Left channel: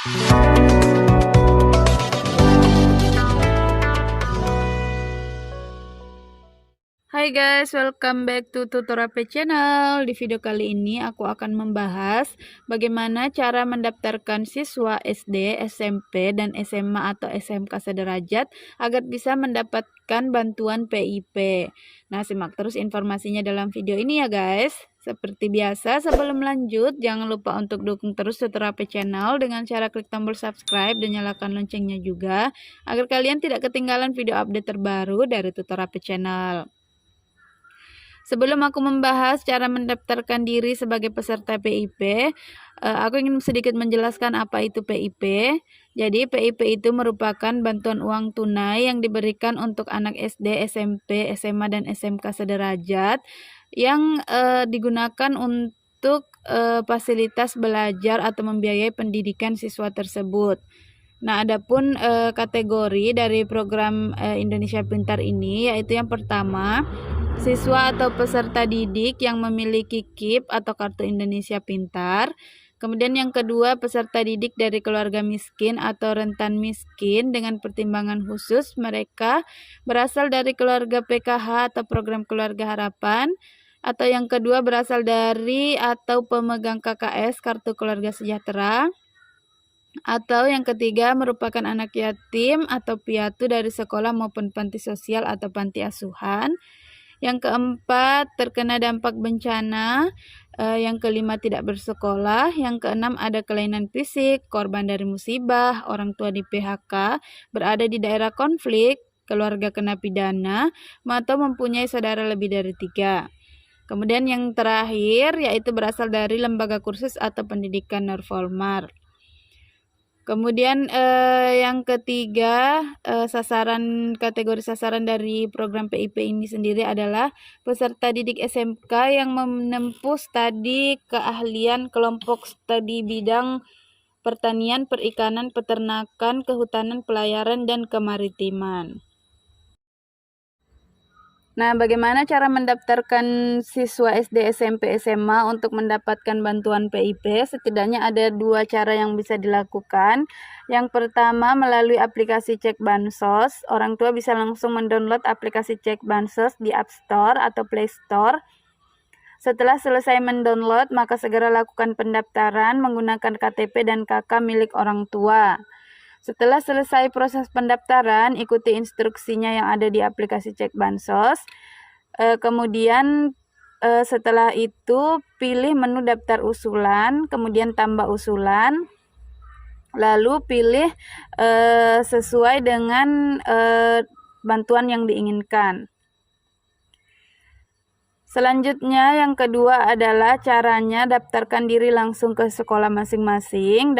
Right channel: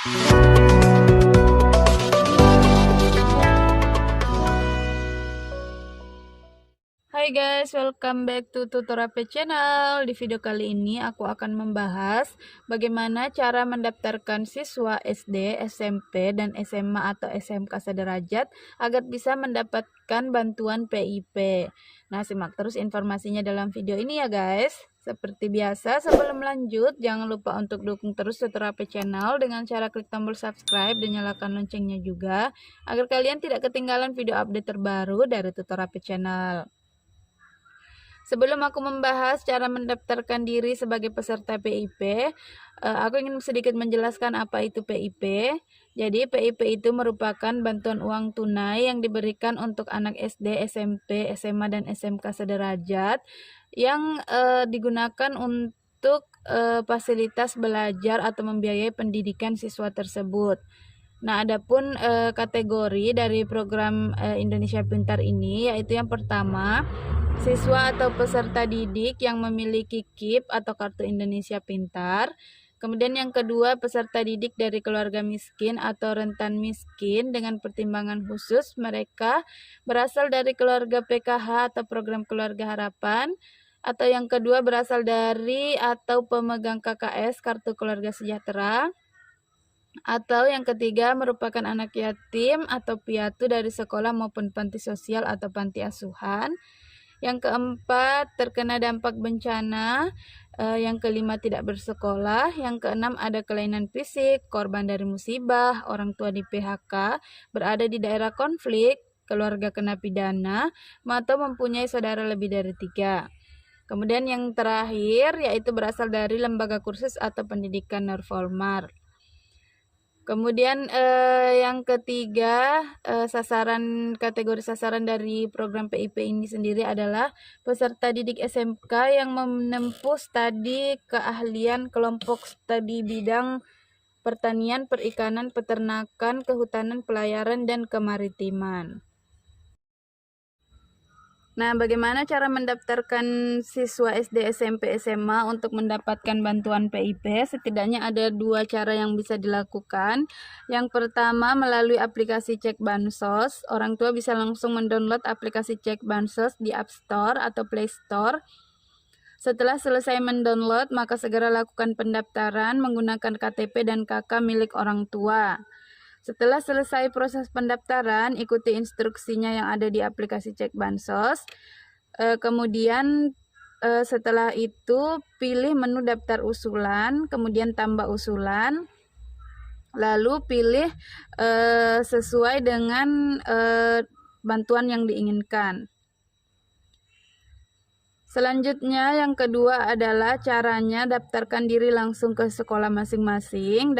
Hai guys, welcome back to Tuturape channel. Di video kali ini aku akan membahas bagaimana cara mendaftarkan siswa SD, SMP, dan SMA atau SMK sederajat agar bisa mendapatkan bantuan PIP. Nah, simak terus informasinya dalam video ini ya guys. Seperti biasa, sebelum lanjut, jangan lupa untuk dukung terus Tuturape channel dengan cara klik tombol subscribe dan nyalakan loncengnya juga, agar kalian tidak ketinggalan video update terbaru dari Tuturape channel. Sebelum aku membahas cara mendaftarkan diri sebagai peserta PIP, aku ingin sedikit menjelaskan apa itu PIP. Jadi PIP itu merupakan bantuan uang tunai yang diberikan untuk anak SD, SMP, SMA, dan SMK sederajat yang digunakan untuk fasilitas belajar atau membiayai pendidikan siswa tersebut. Nah, adapun kategori dari program Indonesia Pintar ini yaitu yang pertama, siswa atau peserta didik yang memiliki KIP atau Kartu Indonesia Pintar. Kemudian yang kedua, peserta didik dari keluarga miskin atau rentan miskin dengan pertimbangan khusus mereka berasal dari keluarga PKH atau program keluarga harapan. Atau yang kedua, berasal dari atau pemegang KKS Kartu Keluarga Sejahtera. Atau yang ketiga, merupakan anak yatim atau piatu dari sekolah maupun panti sosial atau panti asuhan. Yang keempat, terkena dampak bencana. Yang kelima, tidak bersekolah. Yang keenam, ada kelainan fisik, korban dari musibah, orang tua di PHK, berada di daerah konflik, keluarga kena pidana, atau mempunyai saudara lebih dari 3. Kemudian yang terakhir, yaitu berasal dari lembaga kursus atau pendidikan non-formal. Kemudian yang ketiga, kategori sasaran dari program PIP ini sendiri adalah peserta didik SMK yang menempuh studi keahlian kelompok studi bidang pertanian, perikanan, peternakan, kehutanan, pelayaran, dan kemaritiman. Nah, bagaimana cara mendaftarkan siswa SD, SMP, SMA untuk mendapatkan bantuan PIP? Setidaknya ada 2 cara yang bisa dilakukan. Yang pertama, melalui aplikasi Cek Bansos. Orang tua bisa langsung mendownload aplikasi Cek Bansos di App Store atau Play Store. Setelah selesai mendownload, maka segera lakukan pendaftaran menggunakan KTP dan KK milik orang tua. Setelah selesai proses pendaftaran, ikuti instruksinya yang ada di aplikasi Cek Bansos. Kemudian setelah itu pilih menu daftar usulan, kemudian tambah usulan, lalu pilih sesuai dengan bantuan yang diinginkan. Selanjutnya yang kedua adalah caranya daftarkan diri langsung ke sekolah masing-masing.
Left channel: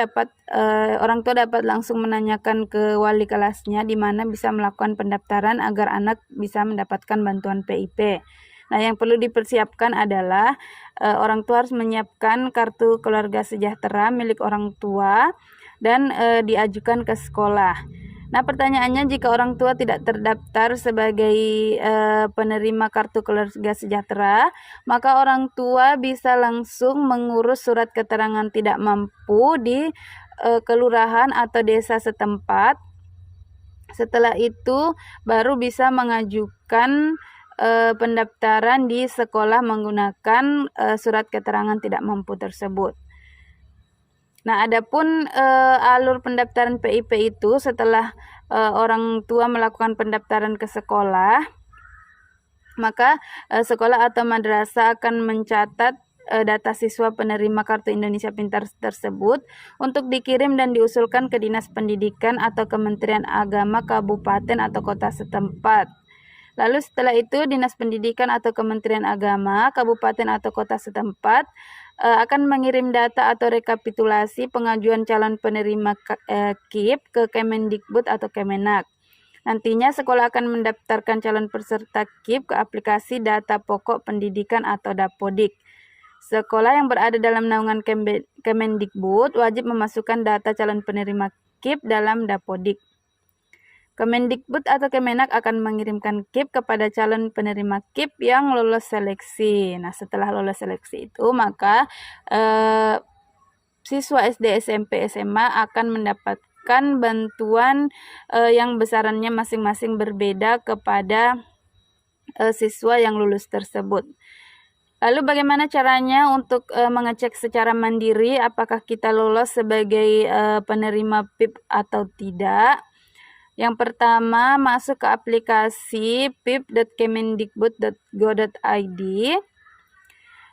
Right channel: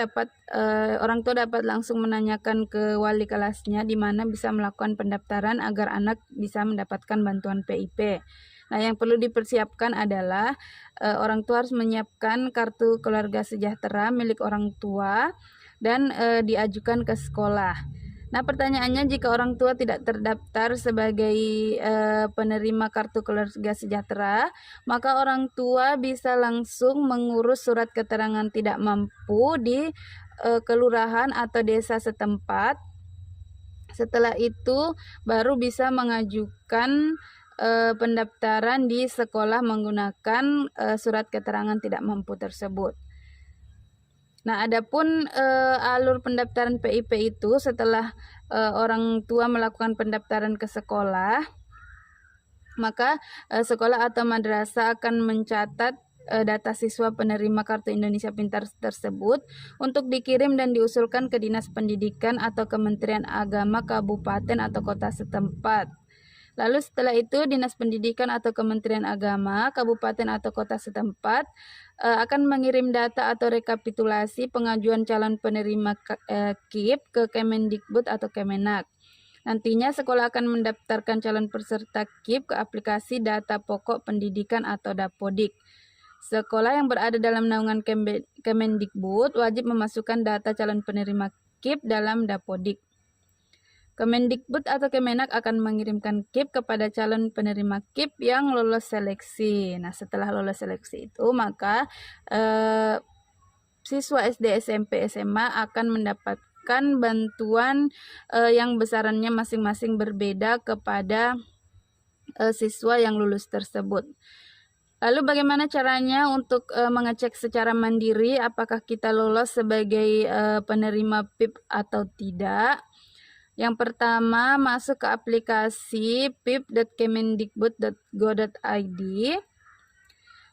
Orang tua dapat langsung menanyakan ke wali kelasnya di mana bisa melakukan pendaftaran agar anak bisa mendapatkan bantuan PIP. Nah, yang perlu dipersiapkan adalah orang tua harus menyiapkan kartu keluarga sejahtera milik orang tua dan diajukan ke sekolah. Nah, pertanyaannya, jika orang tua tidak terdaftar sebagai penerima kartu keluarga sejahtera, maka orang tua bisa langsung mengurus surat keterangan tidak mampu di kelurahan atau desa setempat. Setelah itu baru bisa mengajukan pendaftaran di sekolah menggunakan surat keterangan tidak mampu tersebut. Nah, adapun alur pendaftaran PIP itu setelah orang tua melakukan pendaftaran ke sekolah, maka sekolah atau madrasah akan mencatat data siswa penerima Kartu Indonesia Pintar tersebut untuk dikirim dan diusulkan ke Dinas Pendidikan atau Kementerian Agama kabupaten atau kota setempat. Lalu setelah itu Dinas Pendidikan atau Kementerian Agama kabupaten atau kota setempat akan mengirim data atau rekapitulasi pengajuan calon penerima KIP ke Kemendikbud atau Kemenak. Nantinya sekolah akan mendaftarkan calon peserta KIP ke aplikasi data pokok pendidikan atau Dapodik. Sekolah yang berada dalam naungan Kemendikbud wajib memasukkan data calon penerima KIP dalam Dapodik. Kemendikbud atau Kemenak akan mengirimkan KIP kepada calon penerima KIP yang lolos seleksi. Nah, setelah lolos seleksi itu, maka siswa SD, SMP, SMA akan mendapatkan bantuan yang besarannya masing-masing berbeda kepada siswa yang lulus tersebut. Lalu bagaimana caranya untuk mengecek secara mandiri apakah kita lolos sebagai penerima PIP atau tidak? Yang pertama, masuk ke aplikasi pip.kemendikbud.go.id.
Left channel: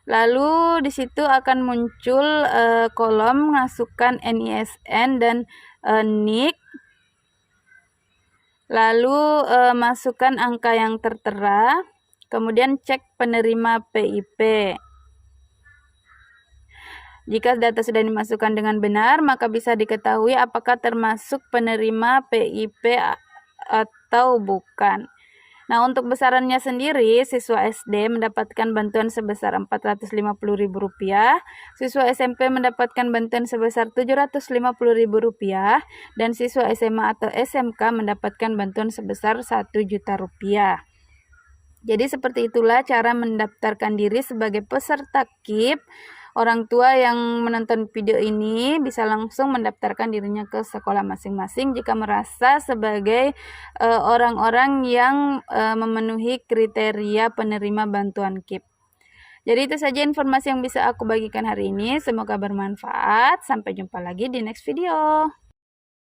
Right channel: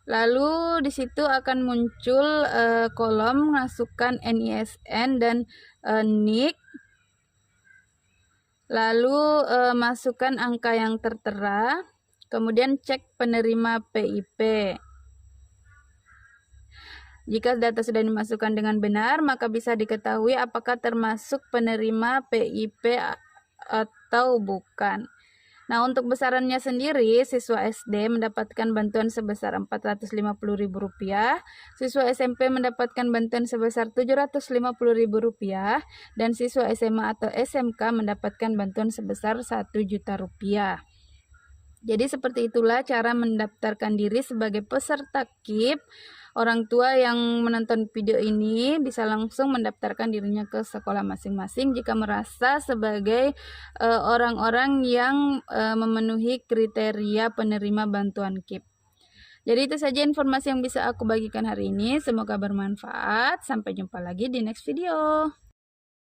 Lalu di situ akan muncul kolom masukkan NISN dan NIK. Lalu masukkan angka yang tertera. Kemudian cek penerima PIP. Jika data sudah dimasukkan dengan benar, maka bisa diketahui apakah termasuk penerima PIP atau bukan. Nah, untuk besarannya sendiri, siswa SD mendapatkan bantuan sebesar Rp450.000, siswa SMP mendapatkan bantuan sebesar Rp750.000, dan siswa SMA atau SMK mendapatkan bantuan sebesar Rp1.000.000. Jadi seperti itulah cara mendaftarkan diri sebagai peserta KIP. Orang tua yang menonton video ini bisa langsung mendaftarkan dirinya ke sekolah masing-masing jika merasa sebagai orang-orang yang memenuhi kriteria penerima bantuan KIP. Jadi itu saja informasi yang bisa aku bagikan hari ini. Semoga bermanfaat. Sampai jumpa lagi di next video.